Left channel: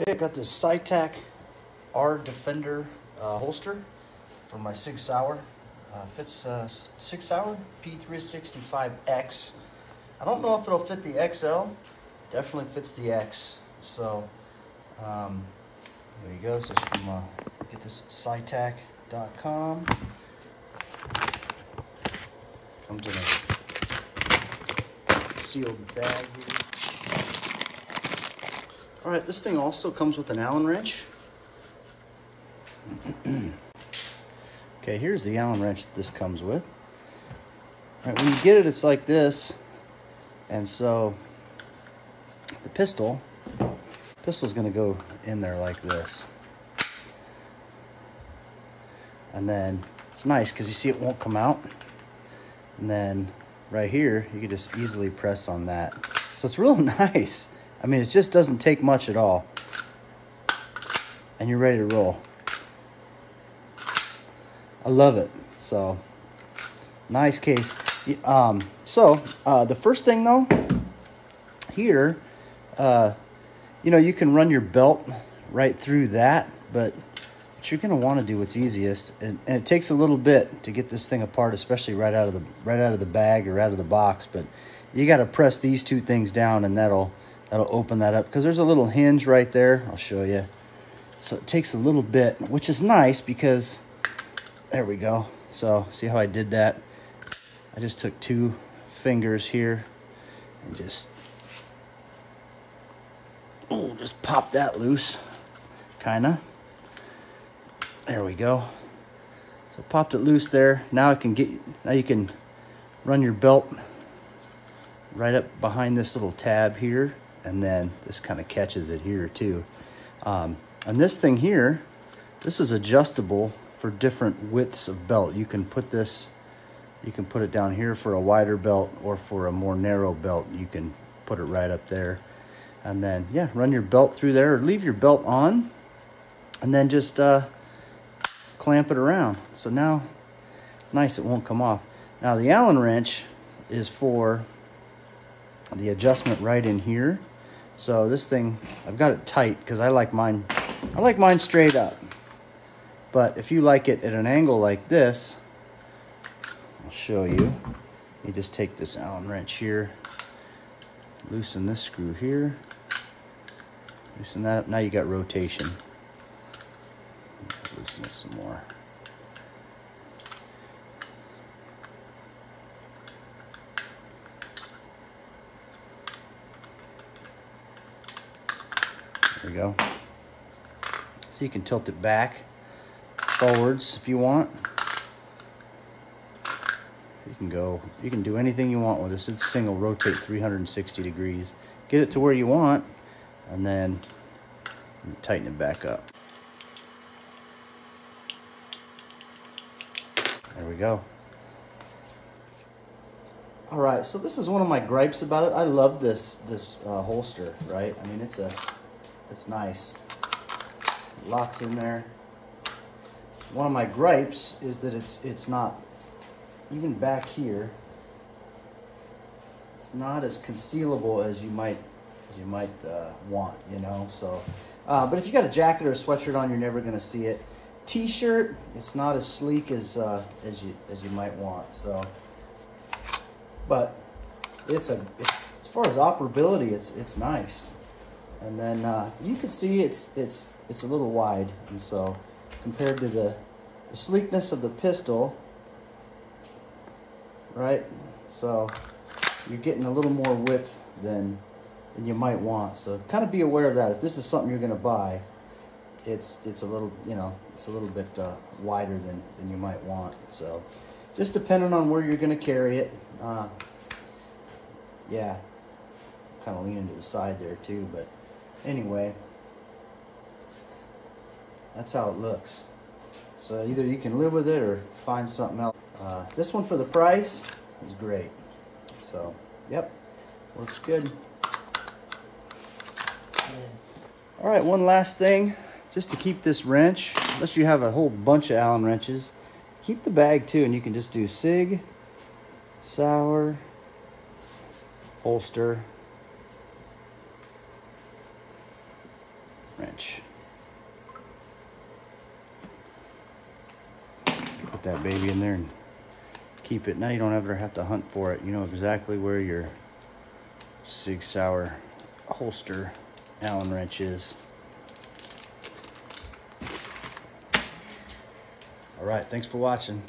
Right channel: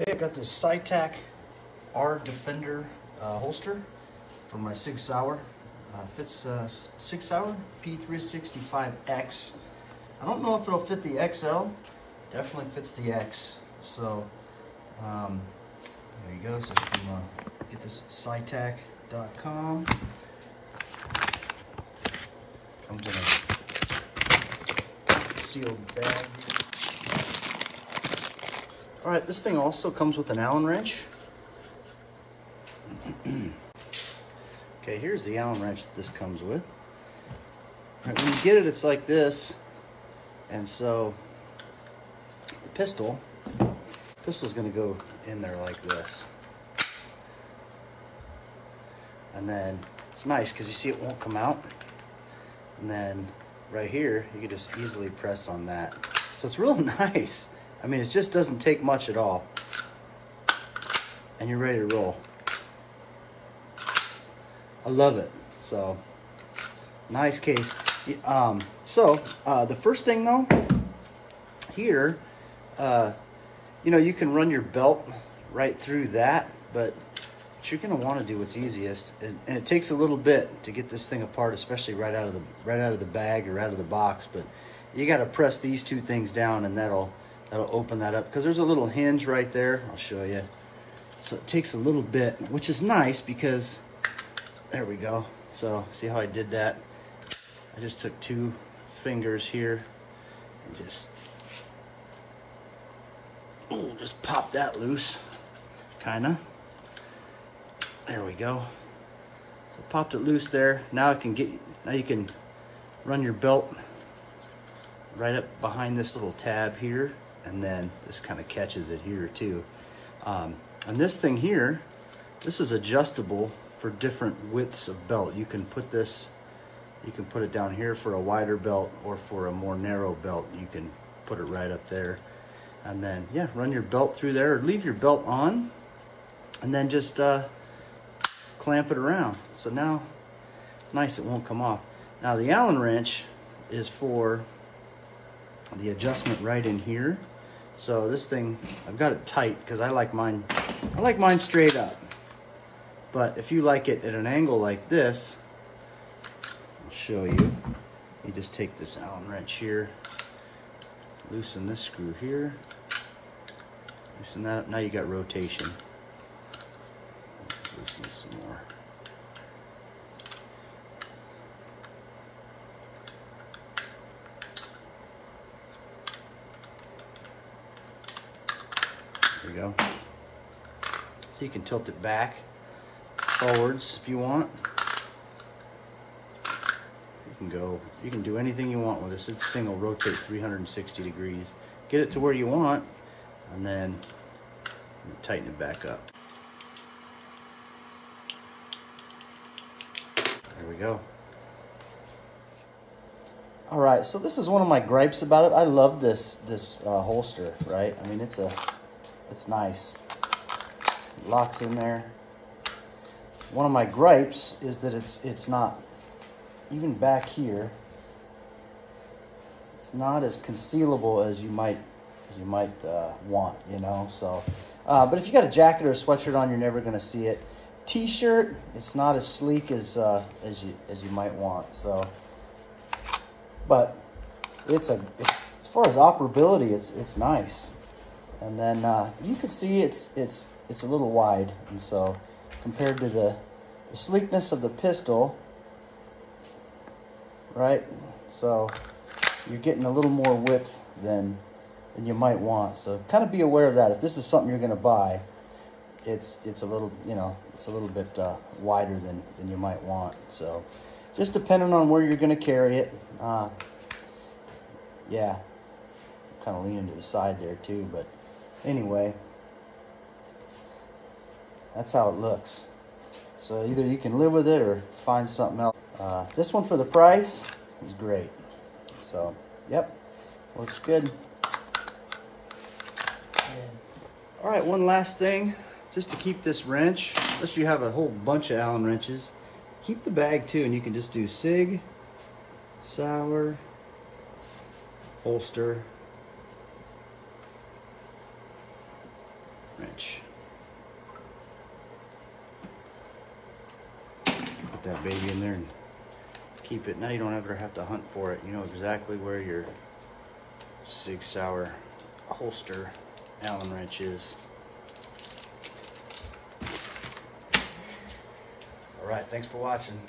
Okay, I got this Cytac R Defender holster from my Sig Sauer. Fits Sig Sauer P365X. I don't know if it'll fit the XL. Definitely fits the X. So there you go. So from get this scitak.com. Comes in a sealed bag. All right, this thing also comes with an Allen wrench. Okay, here's the Allen wrench that this comes with. And when you get it, it's like this. And so the pistol's gonna go in there like this. And then it's nice because you see it won't come out. And then right here, you can just easily press on that. So it's real nice. I mean, it just doesn't take much at all. And you're ready to roll. I love it. So, nice case. The first thing though, here, you know, you can run your belt right through that, but what you're gonna wanna do what's easiest, and it takes a little bit to get this thing apart, especially right out of the bag or out of the box, but you gotta press these two things down and that'll open that up, because there's a little hinge right there. I'll show you. So it takes a little bit, which is nice because, there we go. So see how I did that? I just took two fingers here and just pop that loose, kinda. There we go. So popped it loose there. Now you can run your belt right up behind this little tab here, and then this kind of catches it here too. And this thing here, this is adjustable for different widths of belt. You can put it down here for a wider belt, or for a more narrow belt, you can put it right up there. And then, yeah, run your belt through there, or leave your belt on, and then just clamp it around. So now, it's nice, it won't come off. Now the Allen wrench is for the adjustment right in here. So this thing, I've got it tight because I like mine straight up. But if you like it at an angle like this, I'll show you. You just take this Allen wrench here, loosen this screw here, loosen that up. Now you got rotation. Loosen it some more. There we go. So you can tilt it back, forwards if you want. You can do anything you want with this. This thing will rotate 360 degrees. Get it to where you want, and then tighten it back up. There we go. All right, so this is one of my gripes about it. I love this holster, right? I mean, it's nice. It locks in there. One of my gripes is that it's not, even back here, it's not as concealable as you might want, you know. So, but if you got a jacket or a sweatshirt on, you're never gonna see it. T-shirt, it's not as sleek as you might want. So, but as far as operability, it's nice. And then you can see it's a little wide, and so compared to the sleekness of the pistol, right? So you're getting a little more width than you might want. So kind of be aware of that. If this is something you're going to buy, it's a little, you know, it's a little bit wider than you might want. So just depending on where you're going to carry it. Yeah, kind of leaning to the side there too, but anyway, that's how it looks. So either you can live with it or find something else. This one for the price is great. So, yep, works good. All right, one last thing, just to keep this wrench, unless you have a whole bunch of Allen wrenches, keep the bag too, and you can just do Sig Sauer holster wrench. Put that baby in there and keep it. Now you don't ever have to hunt for it. You know exactly where your Sig Sauer holster Allen wrench is. All right, thanks for watching.